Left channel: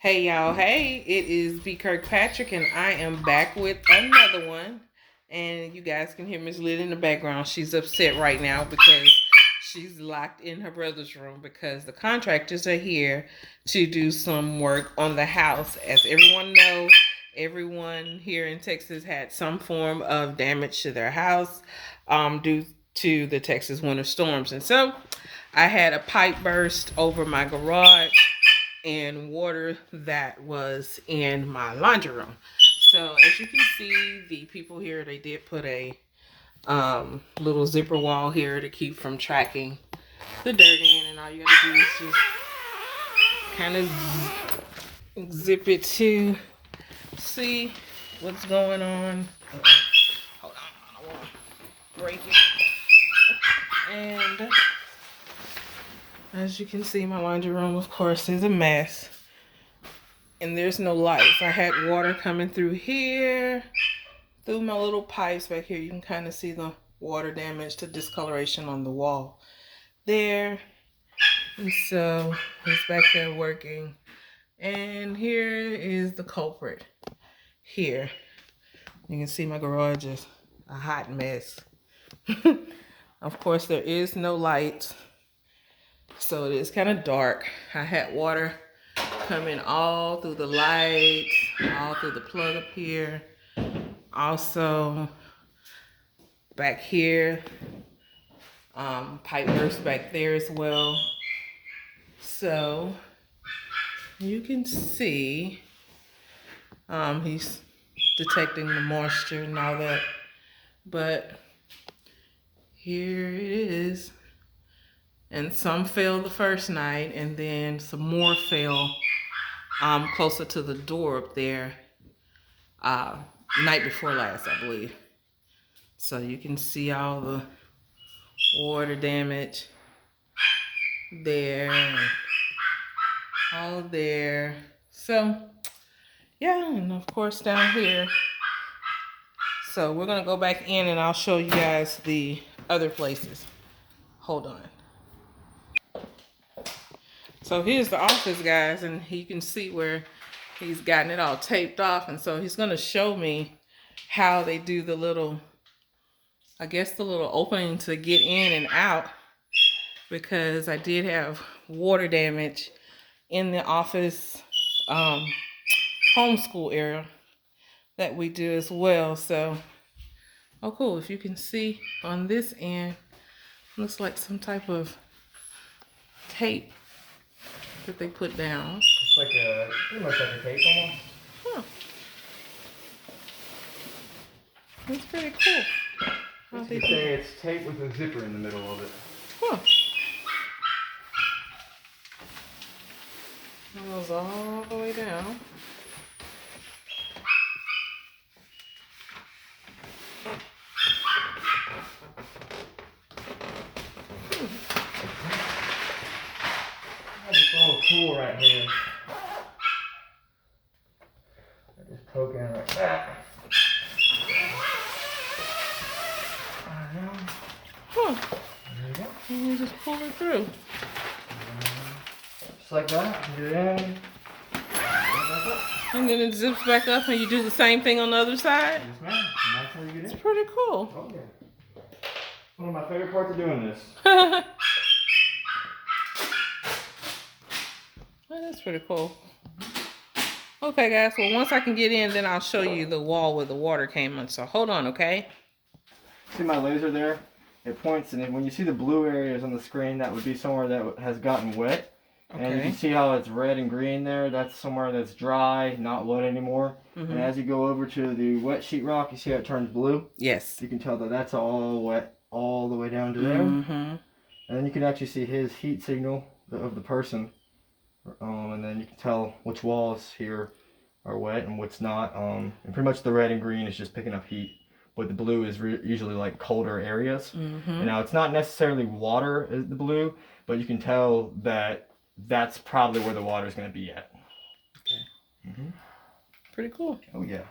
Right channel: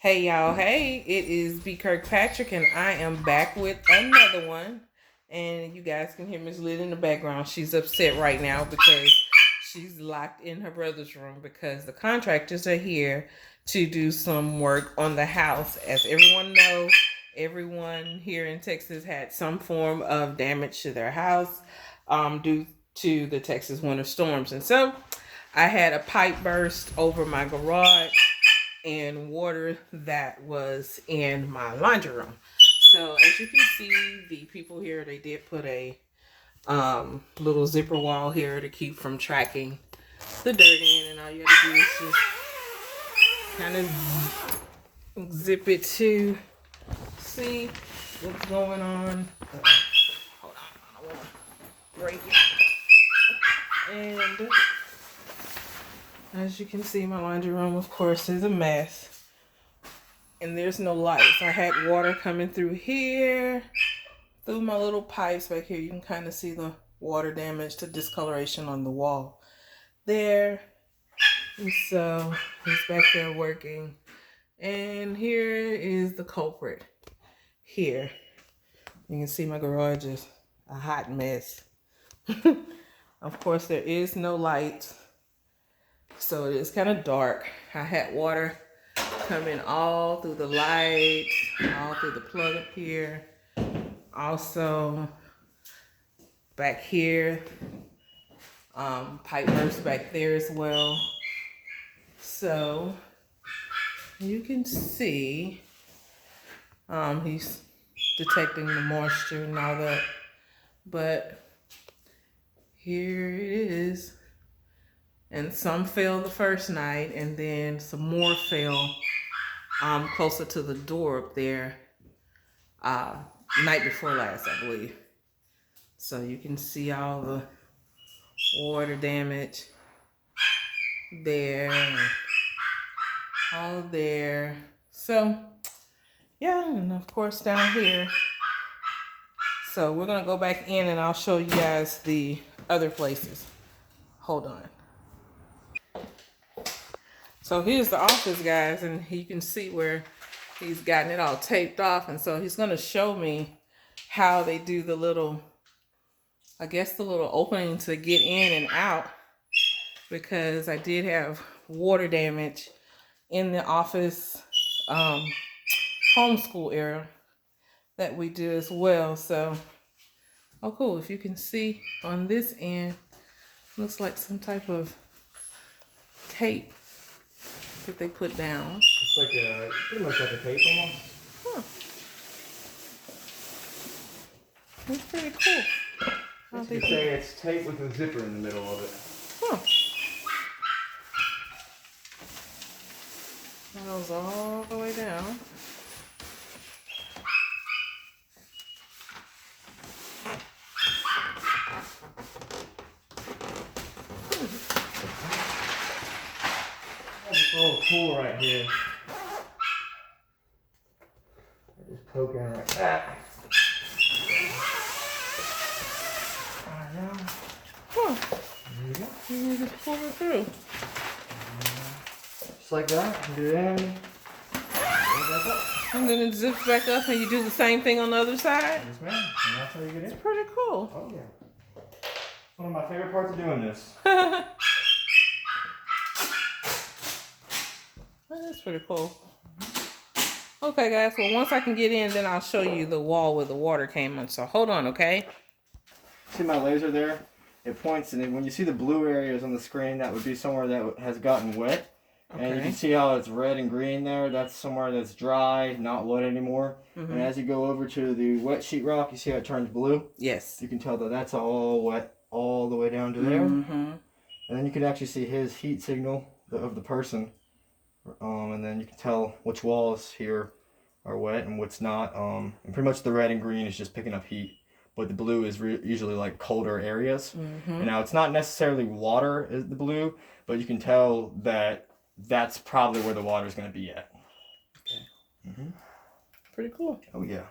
Hey y'all, hey, it is B. Kirkpatrick and I am back with another one. And you guys can hear Miss Lyd in the background. She's upset right now because she's locked in her brother's room because the contractors are here to do some work on the house. As everyone knows, everyone here in Texas had some form of damage to their house due to the Texas winter storms. And so I had a pipe burst over my garage and water that was in my laundry room. So as you can see, the people here, they did put a little zipper wall here to keep from tracking the dirt in, and all you gotta do is just kind of zip it to see what's going on. Hold on, I don't want to break it. And as you can see, my laundry room, of course, is a mess. And there's no lights. I had water coming through here, through my little pipes back here. You can kind of see the water damage, the discoloration on the wall there. And so it's back there working. And here is the culprit here. You can see my garage is a hot mess. Of course, there is no light, so it is kind of dark. I had water coming all through the light, all through the plug up here. Also, back here, pipe burst back there as well. So, you can see, he's detecting the moisture and all that. But here it is. And some fell the first night, and then some more fell closer to the door up there night before last, I believe. So you can see all the water damage there and all there. So yeah, and of course down here. So we're gonna go back in and I'll show you guys the other places. Hold on. So here's the office, guys, and you can see where he's gotten it all taped off. And so he's going to show me how they do the little, I guess the little opening to get in and out, because I did have water damage in the office homeschool area that we do as well. So, oh cool, if you can see on this end, looks like some type of tape that they put down. It's like pretty much like a tape almost. Huh. That's pretty cool. You could say it's tape with a zipper in the middle of it. Huh. That goes all the way down. This little tool right here. I just poke in like that. Huh. And you just pull it through. Just like that. Do it in. And then it zips back up and you do the same thing on the other side? Yes, ma'am. And that's how you get in. It's pretty cool. Oh, yeah. One of my favorite parts of doing this. That's pretty cool. Okay, guys. Well, once I can get in, then I'll show you the wall where the water came on. So hold on, okay? See my laser there? It points, and when you see the blue areas on the screen, that would be somewhere that has gotten wet. Okay. And you can see how it's red and green there. That's somewhere that's dry, not wet anymore. Mm-hmm. And as you go over to the wet sheetrock, you see how it turns blue? Yes. You can tell that that's all wet all the way down to there. Mm-hmm. And then you can actually see his heat signal of the person. And then you can tell which walls here are wet and what's not. And pretty much the red and green is just picking up heat. But the blue is usually like colder areas. Mm-hmm. And now it's not necessarily water is the blue, but you can tell that that's probably where the water is going to be at. Okay. Mm-hmm. Pretty cool. Oh yeah.